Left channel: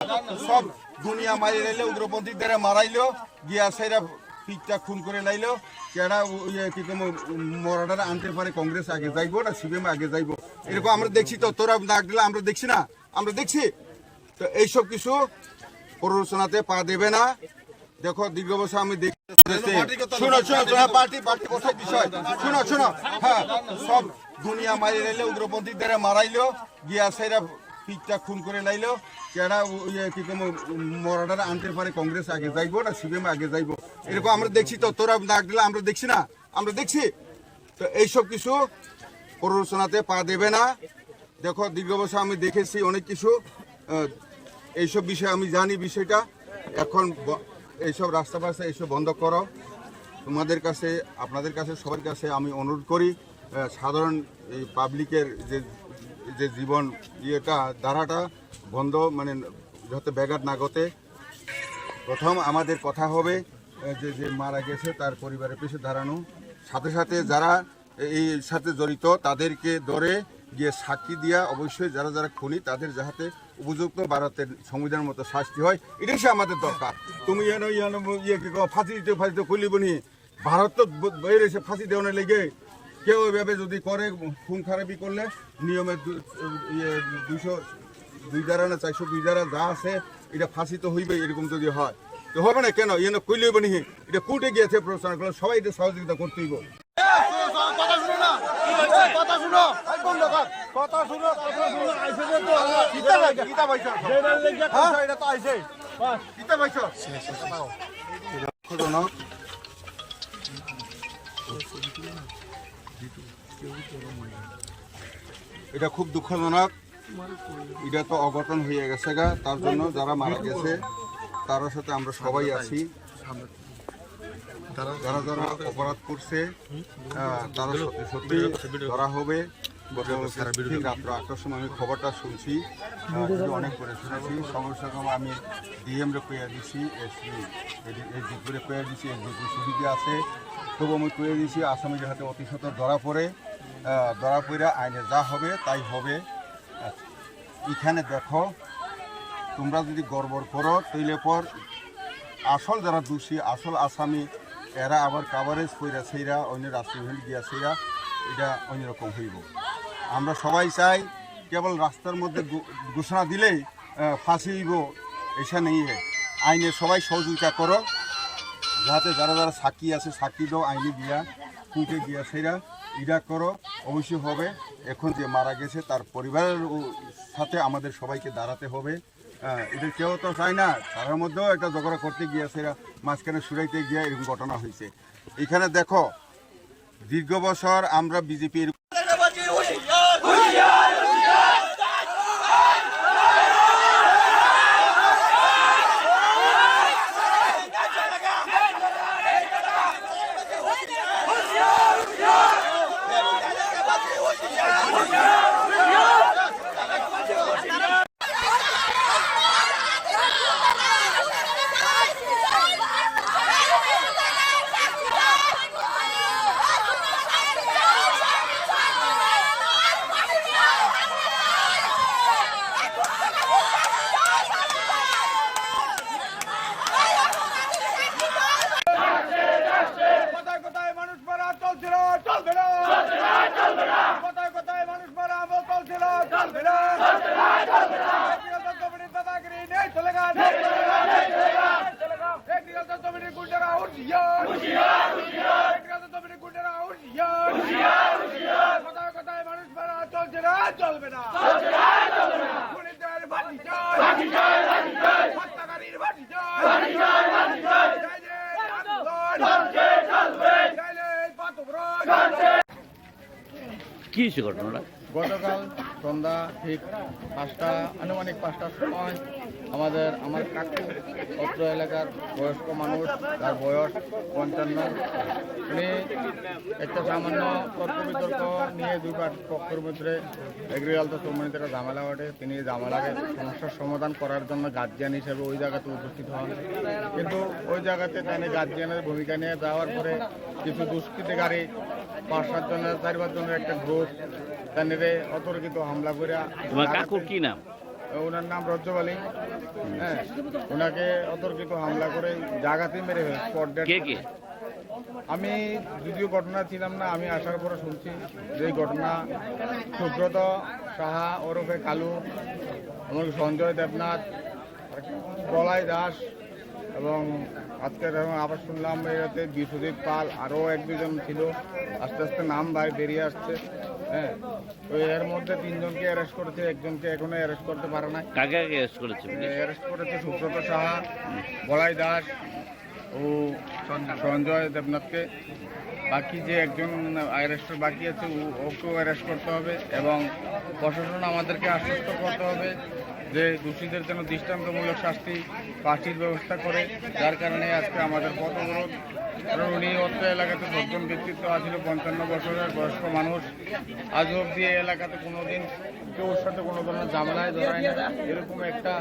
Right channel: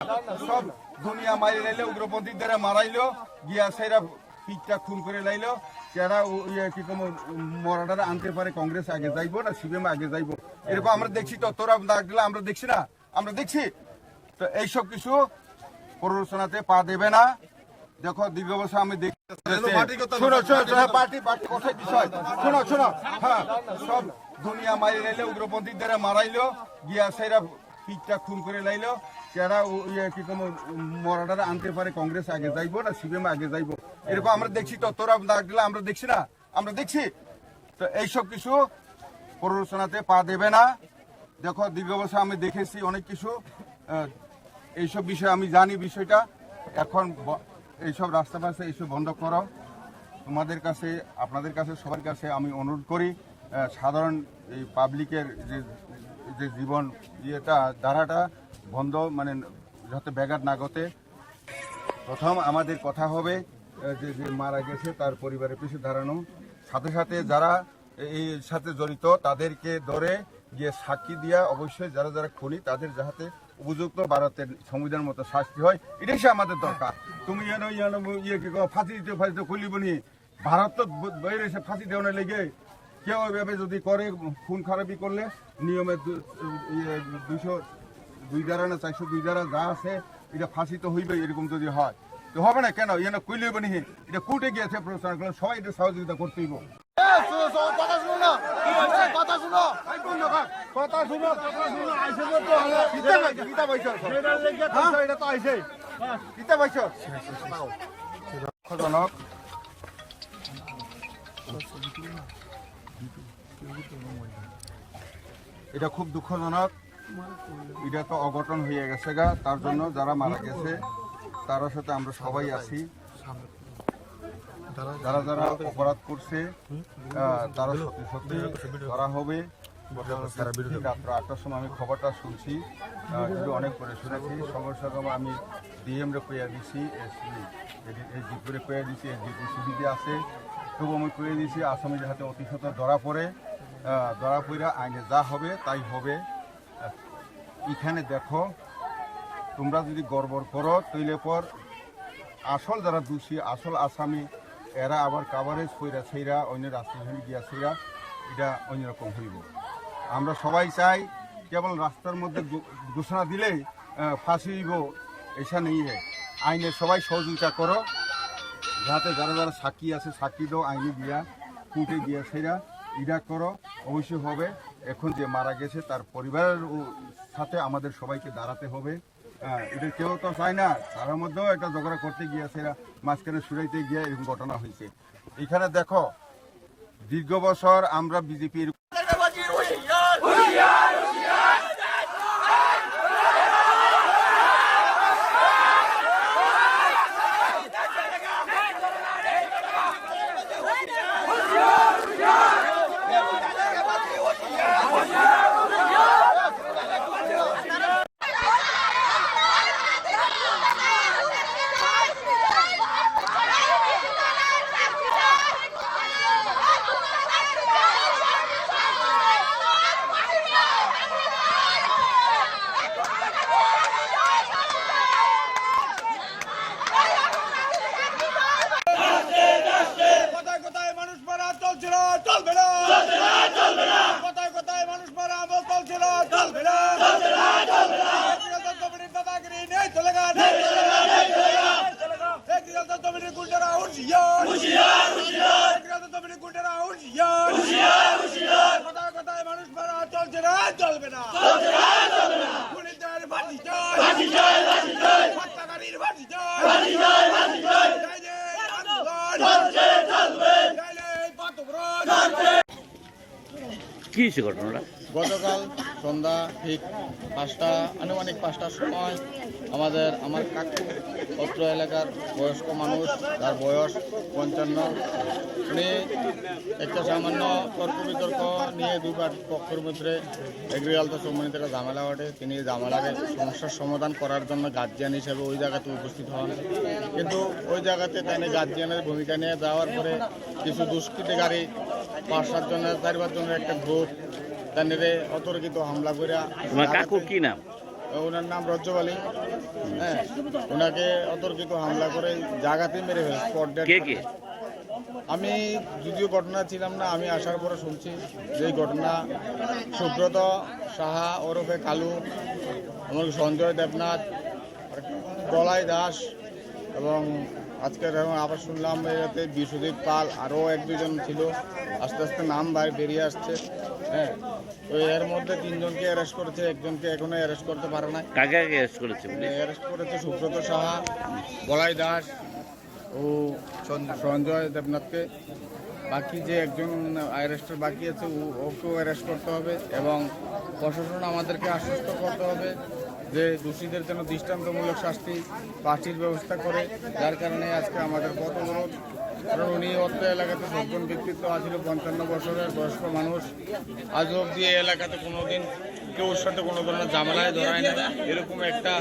সব দুনিয়া মারি লাইলে উগ্রপন্থীদের মারাইলো গিয়া সেরা পিকটা খুন করে লাইলো কেরা কি মরাটারা আনতে পারে কংগ্রেস আগে যাইবো না সিপিএম আগে যাইবো এরকম আমরা দেখছি তো তোরা ডাক দিলে আমরা দেখছি না আমরা দেখছি তো এইসব কিছু প্ররোচনাতে পা দেবে না দেখো দীর্ঘ বছর আমি দেখি শোনো পার্টি কথা বিষয় শোনো হ্যাঁ সব দুনিয়া মারি লাইলে উগ্রপন্থীদের মারাইলো গিয়া সেরা পিকটা খুন করে লাইলো কেরা কি মরাটারা আনতে পারে কংগ্রেস আগে যাইবো না সিপিএম আগে যাইবো এরকম আমরা দেখছি তো তোরা ডাক দিলে আমরা দেখছি না আমরা দেখছি তো এইসব কিছু প্ররোচনাতে পা দেবে না দেখো দীর্ঘ বছর আমি দেখেছি অনেক কিছু এইসব বিষয়ে আমি জানি বিষয়টা এখন এইসব রাস্তা পাশে এইসব বন্ধ করো তোমাদের কাছে আপনাদের কাছে সবার কাছে আমি অনুরোধ করি সাধারণ এই পাবলিকের যে জীবন ইয়েটা ধারাটা বন্ধ মানে যাতে ব্যাঘাত না ঘটে প্রথম আমাদের কথা হবে যে মারা গেছে তার পরিবারের পিছনে দাঁড়ানো সাথে সাথে যারা এই সাথে জড়িত তাদেরকে ধরে গিয়ে সাক্ষী দিয়া অবশ্যই যারা যারা খুনি তাদের যাতে উপযুক্ত ভারতের সংবিধানের মতো শাস্তি হয় এটাই আমাদের দরকার তুমি কি ফাঁসি দিতে খুলিব নি ভারত তো বেরিয়েছে ফাঁসি দেওয়ার লেগে কেউ এভাবে যদি করে খুন খারাপি করলে নিয়মের 202 ধারা না 402 ধারা যা আছে এটা ফাঁসি তো হইবে এরকম যদি হয় তো হবে না কেন কইলেব নি এটা কোর্টে গিয়েছে প্রশ্ন করলে সবাই এটা সহযোগিতা করতে হইব এটা খুব দুঃখজনক এটা তো অঘটন হয়ে গেছে গা তার জন্য যারা মারা গেছে তার সাথে আমরা সবাই আছি যারা যারা অপরাধ করছে তারা সত্যি ধরা হবে রাত্র 8টার সময় আমি খবরটা শুনছি অনেক করে শুনেছি সঙ্গে সঙ্গে আমি ডিএম রে কইয়া দিছি এসডিপুরে কইয়া দিছি এসডিপি সুবিধা আছে তবু আমি কইয়া দিছি আসামির হাতে অতি সত্বর ধরা পড়ে আইনে যা হবে তাই হবে এখানে দেখো তোমরা যদি গড়বড় করো তৈলে পর আসল যারা দোষী আসল আসামি এরা আবার কাভারেজ কইরা সেইরা অন্য রাষ্ট্রীয় গিয়া সেইরা এটা অন্যরকম হইব আমরা সবাই চাই কেবল রাস্তার মধ্যে ঘোষণা দিলেই ফাঁসি হইব এইসা নেই আইনে সবাই সহযোগিতা করো যাতে যারা যারা সাক্ষী আছে সাক্ষী দাও আইনে গিয়া কোর্টে গিয়া সেইরা এটা করো অবশ্যই হবে এখন যে মারা গেছে তার পরিবারের সাথে আমাদের সবাইকে দাঁড়াতে হবে এটা কেউ তো চায় না তার মধ্যেও একটা ঝগড়া করতে গিয়েছে মাঝখানে সুরাইতে গিয়ে এরকম ঘটনা হয়েছে এখানে দেখো দীর্ঘ বছর আমরা বিজেপির চলবে না খুনিদের ফাঁসি চাই হত্যাকারীর ফাঁসি চাই কি হয়েছে ঘটনাটা? গতকাল সন্ধ্যা ঠিক 5টা আনুমানিক 5টার সময় আমার কাকু অত্র এলাকার বয়স্ক মানুষ তার বয়স 55 উনি একটা সামান্য তর্ক বিতর্ক নিয়ে দুই পক্ষের মধ্যে এগ্রিকালচার সম্বন্ধিত একটা ঝামেলা ঘটে তিনি ঝামেলার সমস্যার সমাধান করার জন্য গার্জিয়ান হিসেবে ওই জায়গাতে উপস্থিত হন কিন্তু ওই জায়গাতে তাই গার্জিয়ানের ভূমিকা নিয়ে যাওয়ার পরে কিছু দুষ্কৃতিকারী 5-7 জনের 4-5 জনের একটা গ্রুপ তাদের অতর্কিত হামলা করে তোমার কাকুর কি নাম? ওনার নাম রজ্জব আলী। হ্যাঁ, ওনাকে অতর্কিত হামলা করে জায়গাতে মেরে ফেলে স্পট ডেড। কে কে? আমি যদিও ঘটনা ছিলাম না, আমি আসার পরে শুনছি যে এই ঘটনা সুব্রত সাহা ওরফে কালু, এমনকি সঞ্জয় দেবনাথ, প্রলয় দাস এবং আজকে আবার শুনলাম এতে বিশ্বজিৎ পাল, আরও এক দুজন ছিল, আস্তে আস্তে নাম বেরিয়ে আসছে। হ্যাঁ, তো এর মধ্যে 3 জনকে অ্যারেস্ট করেছে, একজনকে এখনো অ্যারেস্ট করতে পারে না। কাকে কাকে অ্যারেস্ট করেছে পুলিশ? অ্যারেস্ট করেছে সুব্রত সাহা, বলাই দাস ও সঞ্জয় দেবনাথকে। বাকি যে একজন অ্যারেস্টের বাকি আছে ওকেও অ্যারেস্ট করতে হবে এবং প্রশাসন আমাদেরকে আশ্বস্ত করতে হবে যে দোষীদের জন্য দৃষ্টান্তমূলক শাস্তি ফাঁসির ব্যবস্থা করে। যার কারণে আজকে আমাদের পথ অবরোধ। কারণ উনি অত্র এলাকাতে সজ্জন ব্যক্তিত্ব আছিল, 55 বছরের বয়স্ক মানুষ। আজ অবধি এই এলাকাতে কোনোদিন কেউর সাথে কোনো ধরনের ঝামেলায় ধরায় না। এরকম একটা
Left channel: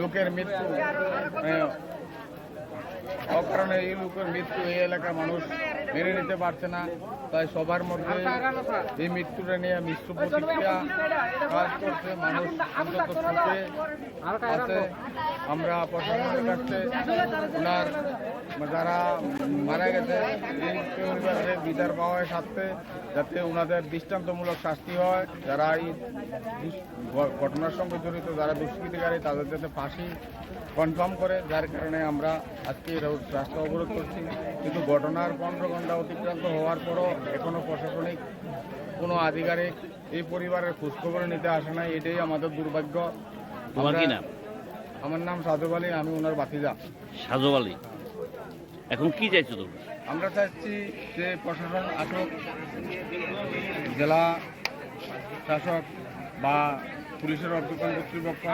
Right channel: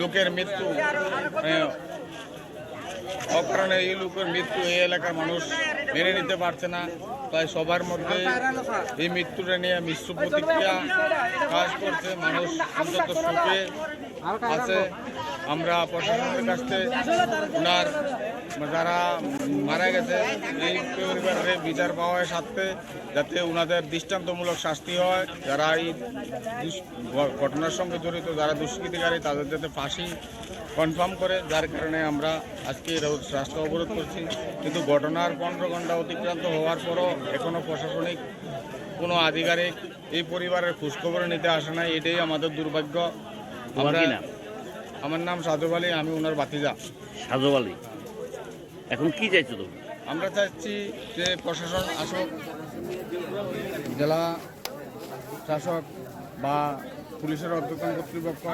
লোকের মৃত্যু, অকারণে এই লোকের মৃত্যু এই এলাকার মানুষ মেনে নিতে পারছে না। তাই সবার মধ্যে এই মৃত্যুটা নিয়ে মিশ্র প্রতিক্রিয়া কাজ করছে। মানুষ অন্তত সুখে আছে। আমরা প্রশাসনের কাছ থেকে ওনার যারা মারা গেছে এই পরিবারের বিচার পাওয়ার সাথে যাতে ওনাদের দৃষ্টান্তমূলক শাস্তি হয়, যারা এই ঘটনার সঙ্গে জড়িত, যারা দুষ্কৃতিকারী, তাদের যাতে ফাঁসি কনফার্ম করে। যার কারণে আমরা আজকে রাস্তা অবরোধ করছি। কিন্তু ঘটনার 15 ঘন্টা অতিক্রান্ত হওয়ার পরও এখনও প্রশাসনিক কোনো আধিকারিক এই পরিবারের খোঁজখবর নিতে আসে নাই। এটাই আমাদের দুর্ভাগ্য। আমার নাম সাজব আলী, আমি ওনার ভাতিজা। সাজব আলী, এখন কি চাইছো তোমরা? আমরা চাচ্ছি যে প্রশাসন আসুক, জেলা শাসক বা পুলিশের ঊর্ধ্বতন কর্তৃপক্ষ,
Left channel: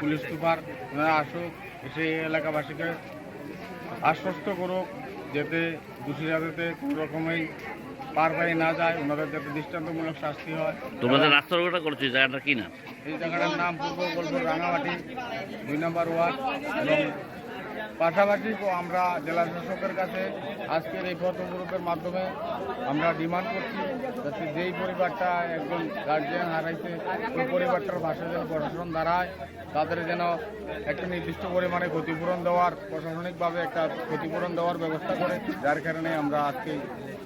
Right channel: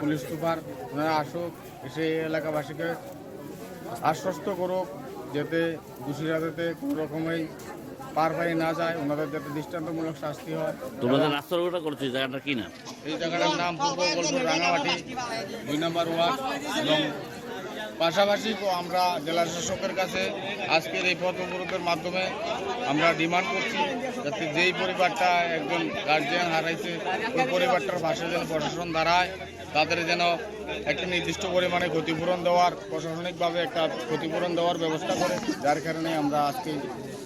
পুলিশ সুপার, ওনারা আসুক, এসে এলাকাবাসীকে আশ্বস্ত করুক যাতে দোষীরা যাতে কোনো রকমেই পার পায়ে না যায়, ওনাদের যাতে দৃষ্টান্তমূলক শাস্তি হয়। তোমাদের রাস্তার ওটা করছো, জায়গাটা কি নাম? এই জায়গাটার নাম পূর্ব গোলপুর রাঙামাটি 2 নম্বর ওয়ার্ড। এবং পাশাপাশি আমরা জেলা শাসকের কাছে আজকের এই পথ অবরোধের মাধ্যমে আমরা ডিমান্ড করছি যাতে যেই পরিবারটা একজন গার্জিয়ান হারাইছে ওই পরিবারটার পাশে যেন প্রশাসন দাঁড়ায়, তাদের যেন একটা নির্দিষ্ট পরিমাণে ক্ষতিপূরণ দেওয়ার, প্রশাসনিকভাবে একটা ক্ষতিপূরণ দেওয়ার ব্যবস্থা করে। যার কারণে আমরা আজকে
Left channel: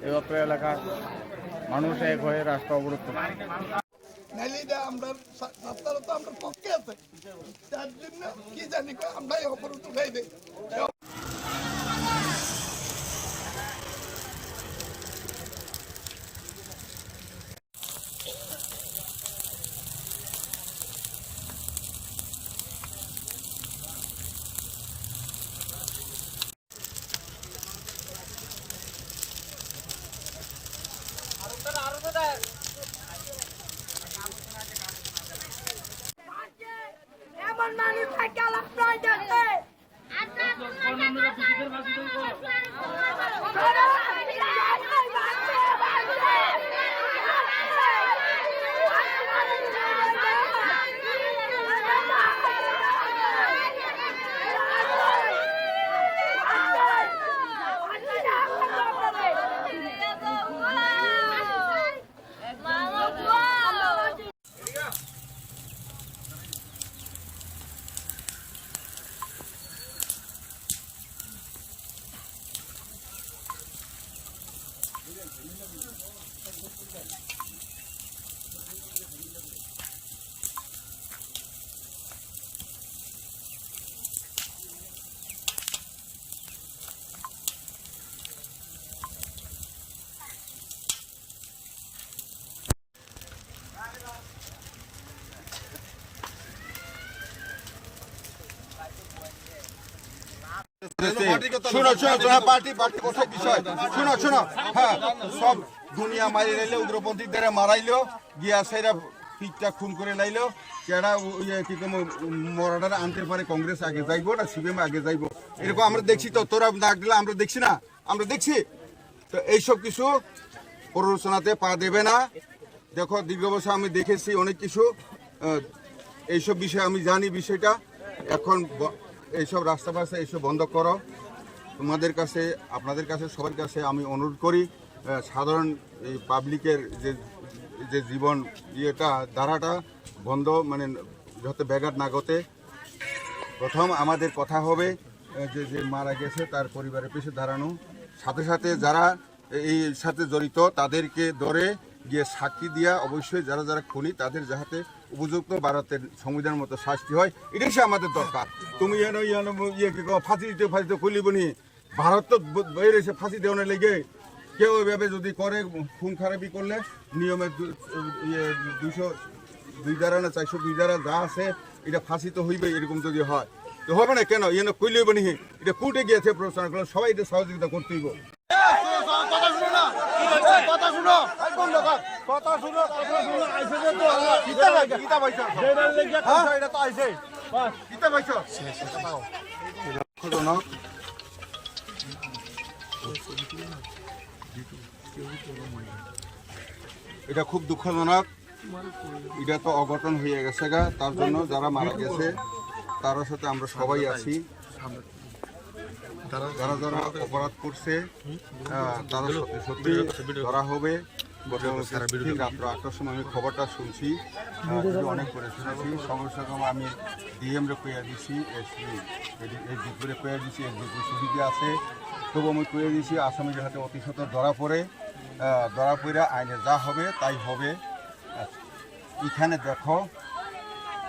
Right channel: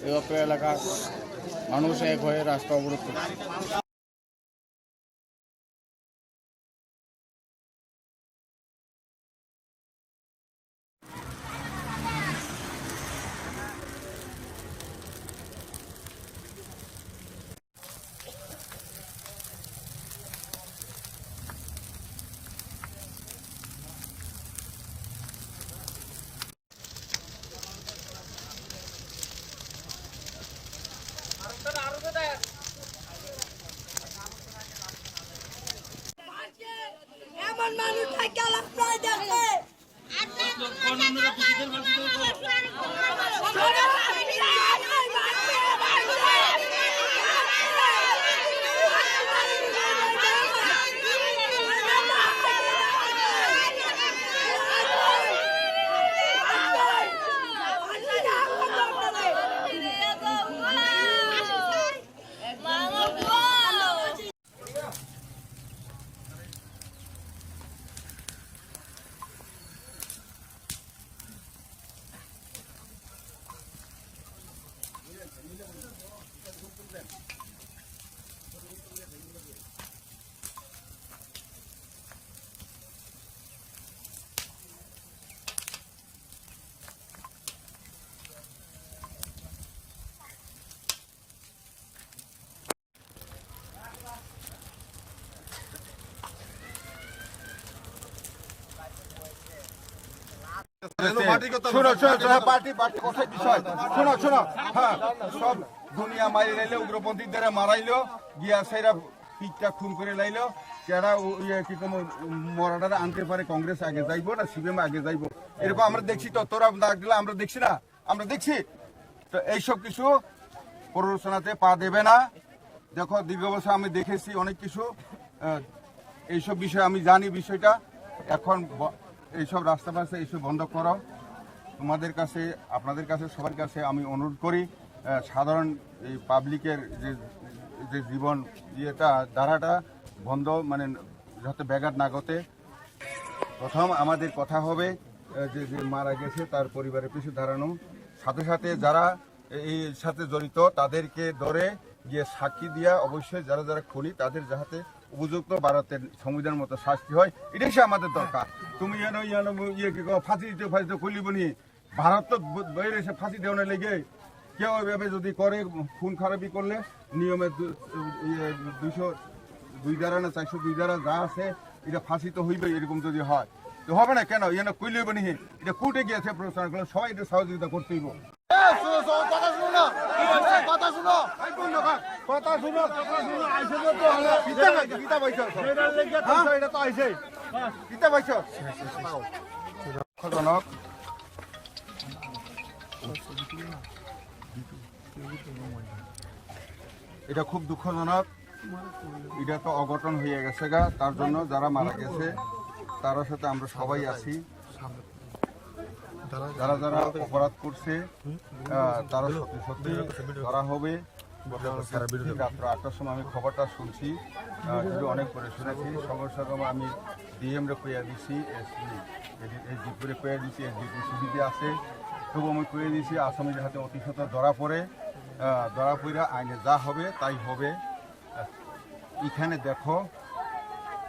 এই অত্র এলাকার মানুষ এক হয়ে রাস্তা অবরোধ করছি। আমরা রাস্তাটা তো আমরা পক্ষে আছে, তার জন্য কি জানি আমরা অবরোধ উঠাই দেই। এমন মানুষ থাকে আপনার দেখে শোনো পার্টি কথা বিষয় শোনো শোনো। হ্যাঁ, সব দুনিয়া মারি লাইলে, উগ্রপন্থীদের মারাইলো, গিয়া সেরা পিঠটা খুন করে লাইলো। কেডা কি মরাডারে আনতে পারে কংগ্রেস আগে যাইবো না সিপিএম আগে যাইবো, এরকম আমরা দেখছি। তো তোরা ডাক দিলে আমরা দেখছি না, আমরা দেখছি। তো এইসব কিছু প্ররোচনাতে পা দেবে না। দেখো, দীর্ঘ বছর আমি দেখেছি অনেক কিছু, এইসব বিষয় আমি জানি বিষয়টা। এখন এইসব রাস্তা পাশে এইসব বন্ধ করো। তোমাদের কাছে, আপনাদের কাছে, সবার কাছে আমি অনুরোধ করি, সাধারণ এই পাবলিকের যে জীবন ইয়েটা ধারাটা বন্ধ, মানে যাতে ব্যাঘাত না ঘটে। প্রথম আমাদের কথা হবে যে যে মারা গেছে তার পরিবারের পিছু দাঁড়ানো, সাথে সাথে যারা এই সাথে জড়িত তাদেরকে ধরে গিয়ে সাক্ষী দিয়া অবশ্যই যারা যারা খুনি তাদের যাতে উপযুক্ত ভারতের সংবিধান মতো শাস্তি হয়, এটাই সে আমাদের দরকার। তুমি ইয়ে কি ফাঁসি দিতে খুলিব নি, ভারত তো বেরিয়েছে ফাঁসি দেওয়ার লেগে। কেউ এভাবে যদি করে খুন খারাপি করলে নিয়মের 202 ধারা না 402 ধারা যা আছে এটা ফাঁসি তো হইবে। এরকম যদি হয় তো হবে না কেন, ইয়ে কইলেই বনি এটা কুটে গিয়েছে প্রশ্ন করলে সবাই এটা সহযোগিতা করতে হইব। দুঃখজনক, এটা খুব দুঃখজনক। এটা তো অঘটন হয়ে গেছে গা, তার জন্য যারা মারা গেছে তার সাথে আমরা সবাই আছি। যারা যারা অপরাধ করছে তারা সত্যি সত্যি ধরা হবে। ঠিক রাত্র 8টার সময় আমি খবরটা শুনছি, অনেক করে শুনেছি। সঙ্গে সঙ্গে আমি ডিএমরে কইয়া দিছি, এসডিপুরে কইয়া দিছি, এসডিপুর সুবিধা আছে, তবু আমি কইয়া দিছি আসামি যাতে অতি সত্ত্বর ধরা পড়ে আইনে যা হবে তাই হবে। এখানে দেখো,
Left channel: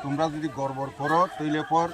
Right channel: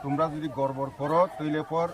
তোমরা যদি গড়বড় করো তৈলে পর